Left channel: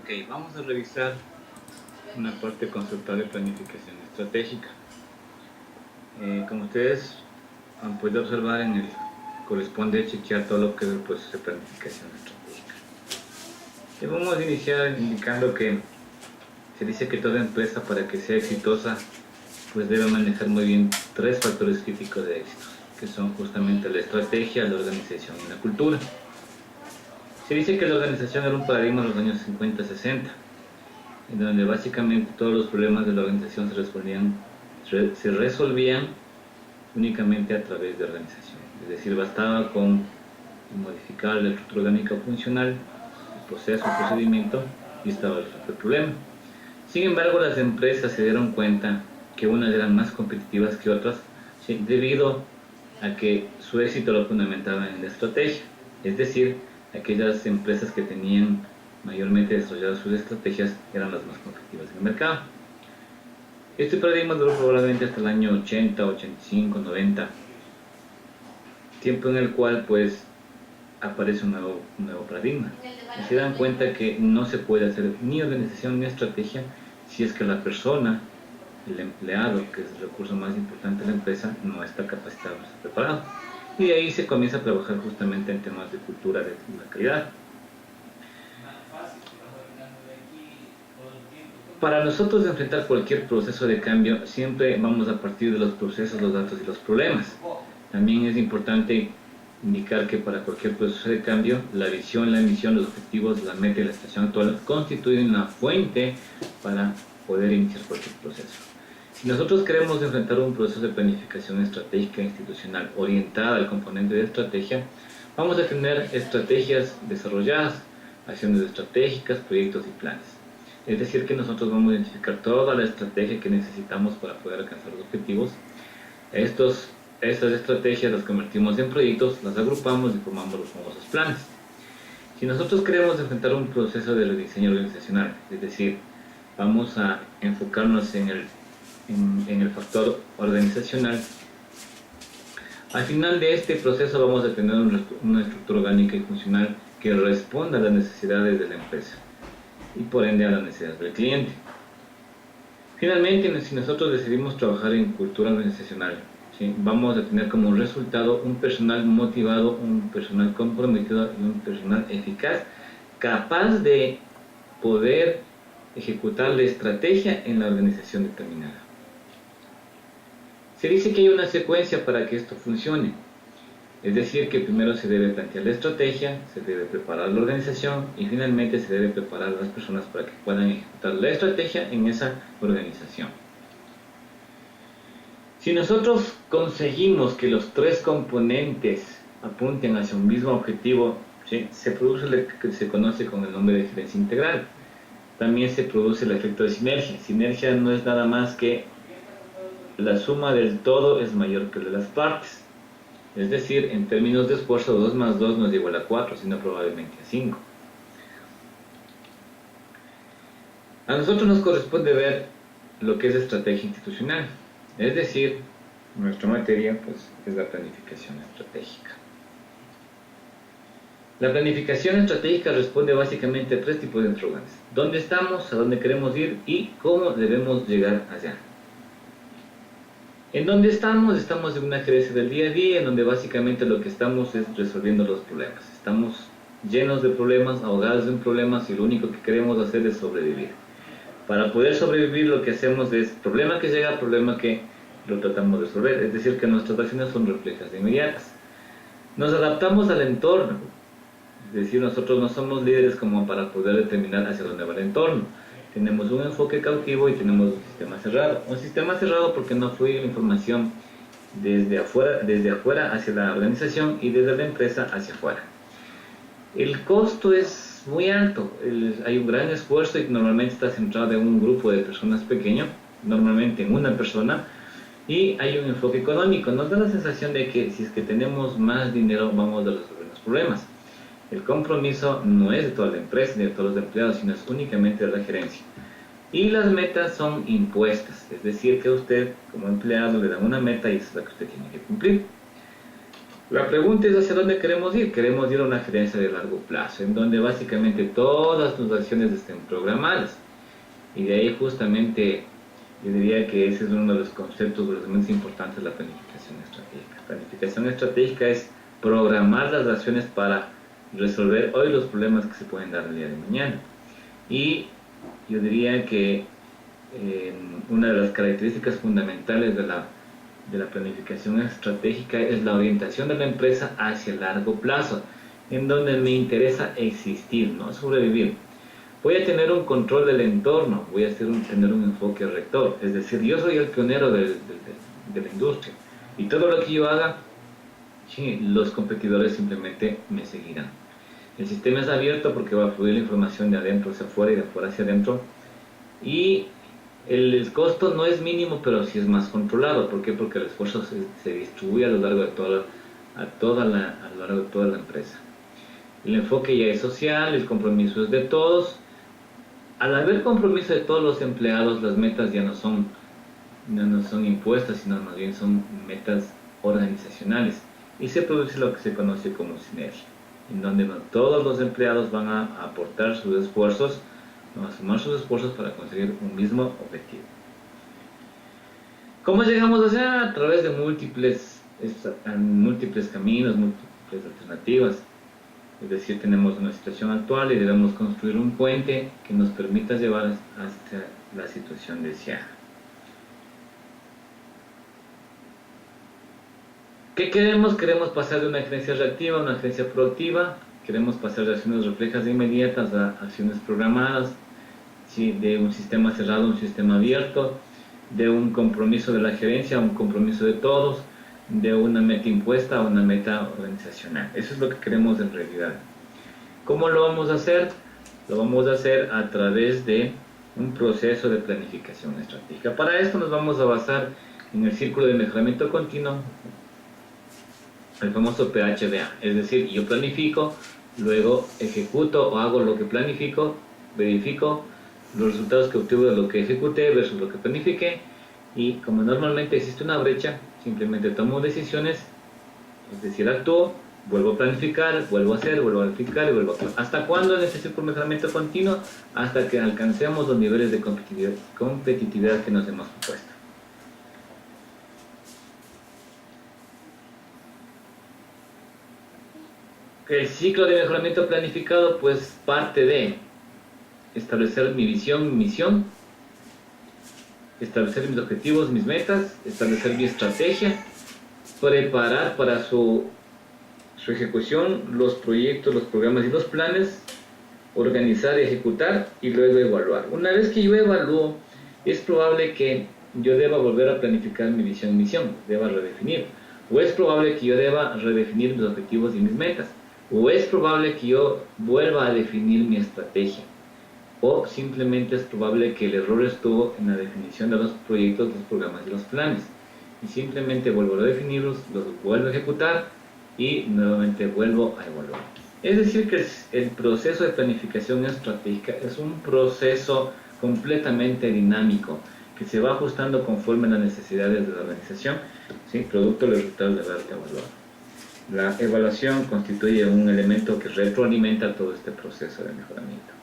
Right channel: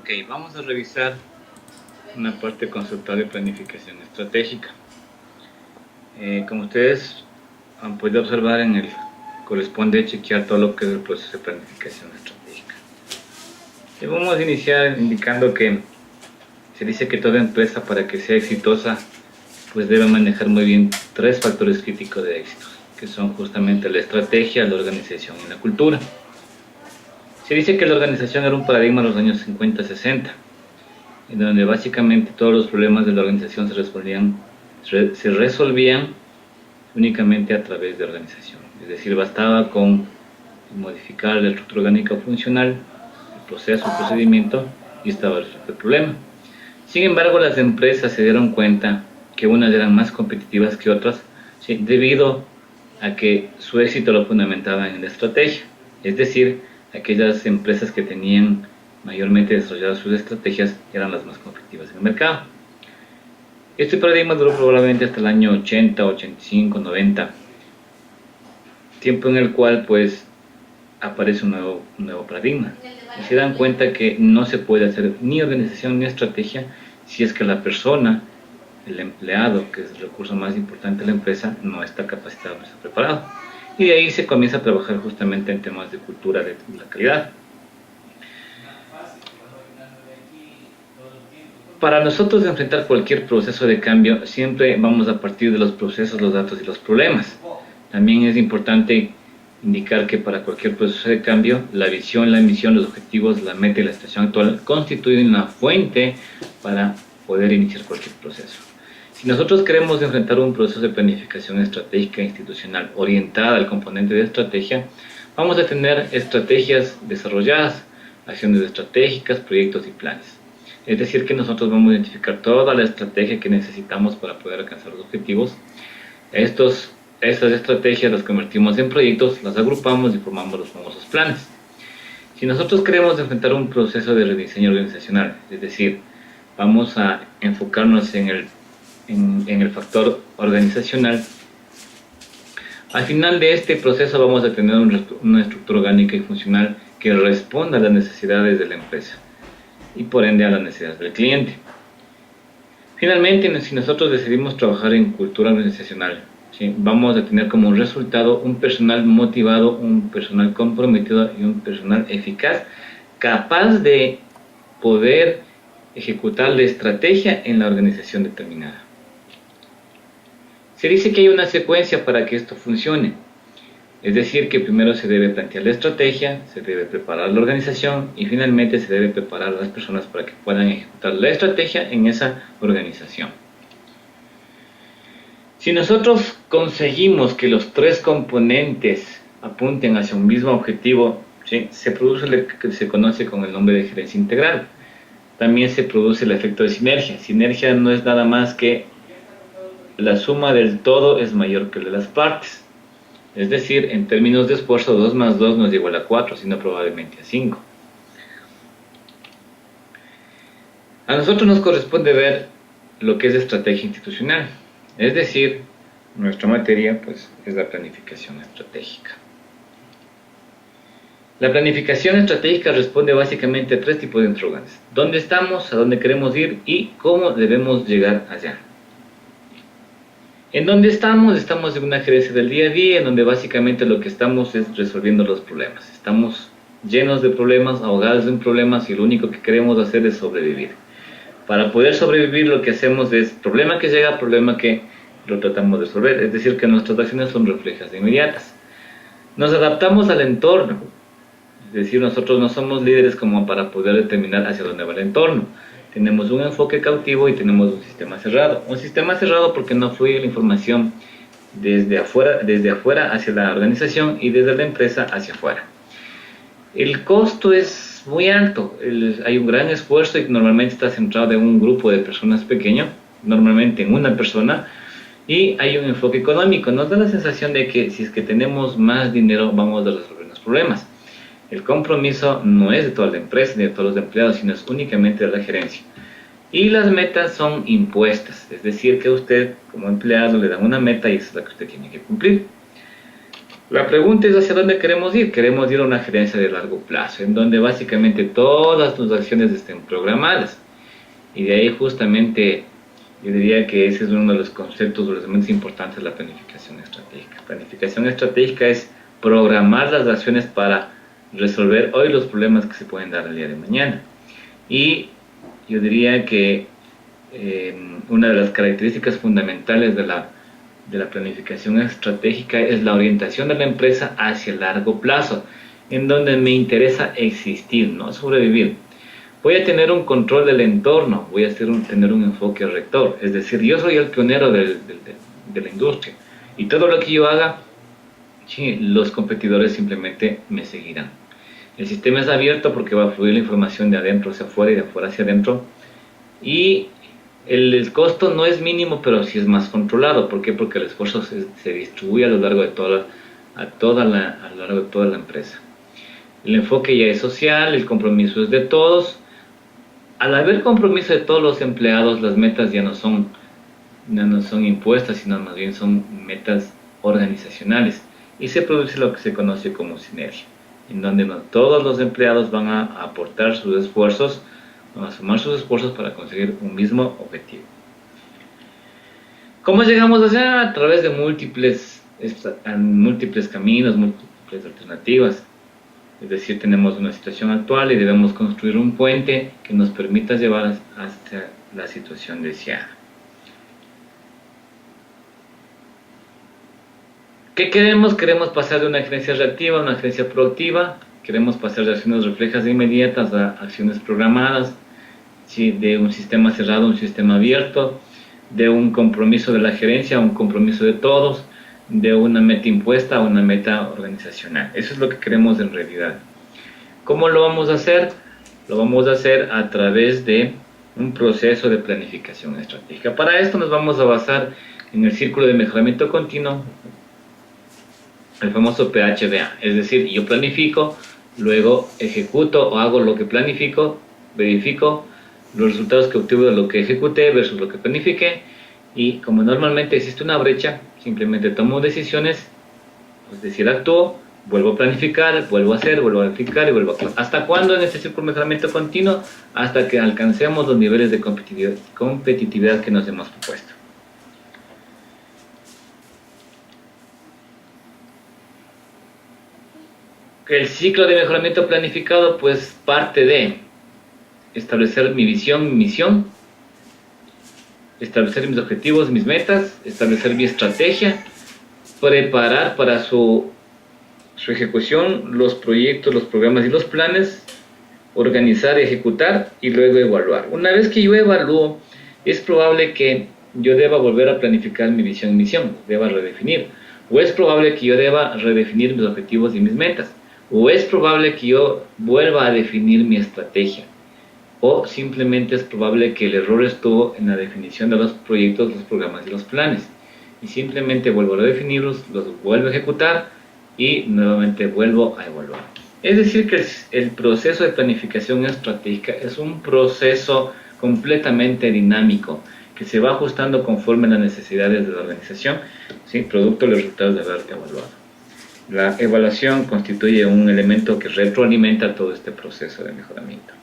Ok, vamos a revisar una parte conceptual de planificación estratégica. Como ustedes han podido observar, corresponde chequear todo lo que es el proceso de planificación estratégica. Y vamos a iniciar indicando que se dice que toda empresa, para que sea exitosa, pues debe manejar muy bien tres factores críticos de éxito, que son justamente la estrategia, la organización y la cultura. Se dice que la organización era un paradigma en los años 50-60, en donde básicamente todos los problemas de la organización se resolvían únicamente a través de organización. Es decir, bastaba con modificar la estructura orgánica funcional, el proceso, el procedimiento, y estaba resuelto el problema. Sin embargo, las empresas se dieron cuenta que unas eran más competitivas que otras, ¿sí?, debido a que su éxito lo fundamentaban en la estrategia. Es decir, aquellas empresas que tenían mayormente desarrolladas sus estrategias eran las más competitivas en el mercado. Este paradigma duró probablemente hasta el año 80, 85, 90, tiempo en el cual pues aparece un nuevo paradigma. Y se dan cuenta que no se puede hacer ni organización ni estrategia si es que la persona, el empleado, que es el recurso más importante de la empresa, no está capacitado, no está preparado. Y de ahí se comienza a trabajar justamente en temas de cultura de la calidad. Para nosotros enfrentar cualquier proceso de cambio, siempre vamos a partir de los procesos, los datos y los problemas. También es importante indicar que para cualquier proceso de cambio, la visión, la misión, los objetivos, la meta y la situación actual constituyen una fuente para poder iniciar cualquier proceso. Si nosotros queremos enfrentar un proceso de planificación estratégica institucional orientada al componente de estrategia, vamos a tener estrategias desarrolladas, acciones estratégicas, proyectos y planes. Es decir, que nosotros vamos a identificar toda la estrategia que necesitamos para poder alcanzar los objetivos. Estas estrategias las convertimos en proyectos, las agrupamos y formamos los famosos planes. Si nosotros queremos enfrentar un proceso de rediseño organizacional, es decir, vamos a enfocarnos en el factor organizacional, al final de este proceso vamos a tener una estructura orgánica y funcional que responda a las necesidades de la empresa y por ende a las necesidades del cliente. Finalmente, si nosotros decidimos trabajar en cultura organizacional, ¿sí?, vamos a tener como resultado un personal motivado, un personal comprometido y un personal eficaz, capaz de poder ejecutar la estrategia en la organización determinada. Se dice que hay una secuencia para que esto funcione. Es decir, que primero se debe plantear la estrategia, se debe preparar la organización y finalmente se debe preparar a las personas para que puedan ejecutar la estrategia en esa organización. Si nosotros conseguimos que los tres componentes apunten hacia un mismo objetivo, ¿sí?, se produce lo que se conoce con el nombre de gerencia integral. También se produce el efecto de sinergia. Sinergia no es nada más que la suma del todo es mayor que la de las partes. Es decir, en términos de esfuerzo, 2 más 2 no es igual a 4, sino probablemente a 5. A nosotros nos corresponde ver lo que es estrategia institucional. Es decir, nuestra materia pues, es la planificación estratégica. La planificación estratégica responde básicamente a tres tipos de interrogantes: ¿dónde estamos? ¿A dónde queremos ir? ¿Y cómo debemos llegar allá? ¿En dónde estamos? Estamos en una gerencia del día a día, en donde básicamente lo que estamos es resolviendo los problemas. Estamos llenos de problemas, ahogados en problemas, y lo único que queremos hacer es sobrevivir. Para poder sobrevivir, lo que hacemos es problema que llega, problema que lo tratamos de resolver. Es decir, que nuestras acciones son reflejas e inmediatas. Nos adaptamos al entorno. Es decir, nosotros no somos líderes como para poder determinar hacia dónde va el entorno. Tenemos un enfoque cautivo y tenemos un sistema cerrado. Un sistema cerrado porque no fluye la información desde afuera hacia la organización y desde la empresa hacia afuera. El costo es muy alto. Hay un gran esfuerzo y normalmente está centrado en un grupo de personas pequeño, normalmente en una persona, y hay un enfoque económico. Nos da la sensación de que si es que tenemos más dinero vamos a resolver los problemas. El compromiso no es de toda la empresa ni de todos los empleados, sino es únicamente de la gerencia. Y las metas son impuestas, es decir, que a usted como empleado le dan una meta y esa es la que usted tiene que cumplir. La pregunta es hacia dónde queremos ir. Queremos ir a una gerencia de largo plazo, en donde básicamente todas tus acciones estén programadas. Y de ahí justamente yo diría que ese es uno de los conceptos o los elementos importantes de la planificación estratégica. Planificación estratégica es programar las acciones para resolver hoy los problemas que se pueden dar el día de mañana. Y yo diría que una de las características fundamentales de la planificación estratégica es la orientación de la empresa hacia el largo plazo, en donde me interesa existir, no sobrevivir. Voy a tener un control del entorno, voy a tener un enfoque rector, es decir, yo soy el pionero de la industria y todo lo que yo haga, sí, los competidores simplemente me seguirán. El sistema es abierto porque va a fluir la información de adentro hacia afuera y de afuera hacia adentro, y el costo no es mínimo, pero sí es más controlado. ¿Por qué? Porque el esfuerzo se distribuye a lo largo de a lo largo de toda la empresa. El enfoque ya es social, el compromiso es de todos. Al haber compromiso de todos los empleados, las metas ya no son impuestas, sino más bien son metas organizacionales. Y se produce lo que se conoce como sinergia, en donde todos los empleados van a aportar sus esfuerzos, van a sumar sus esfuerzos para conseguir un mismo objetivo. ¿Cómo llegamos a hacer? A través de múltiples caminos, múltiples alternativas. Es decir, tenemos una situación actual y debemos construir un puente que nos permita llevar hasta la situación deseada. ¿Qué queremos? Queremos pasar de una gerencia reactiva a una gerencia proactiva. Queremos pasar de acciones reflejas e inmediatas a acciones programadas, ¿sí? De un sistema cerrado a un sistema abierto, de un compromiso de la gerencia a un compromiso de todos, de una meta impuesta a una meta organizacional. Eso es lo que queremos en realidad. ¿Cómo lo vamos a hacer? Lo vamos a hacer a través de un proceso de planificación estratégica. Para esto nos vamos a basar en el círculo de mejoramiento continuo, el famoso PHBA. Es decir, yo planifico, luego ejecuto o hago lo que planifico, verifico los resultados que obtuve de lo que ejecuté versus lo que planifiqué, y como normalmente existe una brecha, simplemente tomo decisiones, es decir, actúo, vuelvo a planificar, vuelvo a hacer, vuelvo a verificar y vuelvo a actuar. ¿Hasta cuándo en este ciclo de mejoramiento continuo? Hasta que alcancemos los niveles de competitividad que nos hemos propuesto. El ciclo de mejoramiento planificado pues parte de establecer mi visión, mi misión, establecer mis objetivos, mis metas, establecer mi estrategia, preparar para su ejecución los proyectos, los programas y los planes, organizar, ejecutar y luego evaluar. Una vez que yo evalúo, es probable que yo deba volver a planificar mi visión y misión, deba redefinir, o es probable que yo deba redefinir mis objetivos y mis metas, o es probable que yo vuelva a definir mi estrategia, o simplemente es probable que el error estuvo en la definición de los proyectos, los programas y los planes, y simplemente vuelvo a definirlos, los vuelvo a ejecutar y nuevamente vuelvo a evaluar. Es decir, que el proceso de planificación estratégica es un proceso completamente dinámico que se va ajustando conforme a las necesidades de la organización, ¿sí? Producto de los resultados de haber evaluado. La evaluación constituye un elemento que retroalimenta todo este proceso de mejoramiento.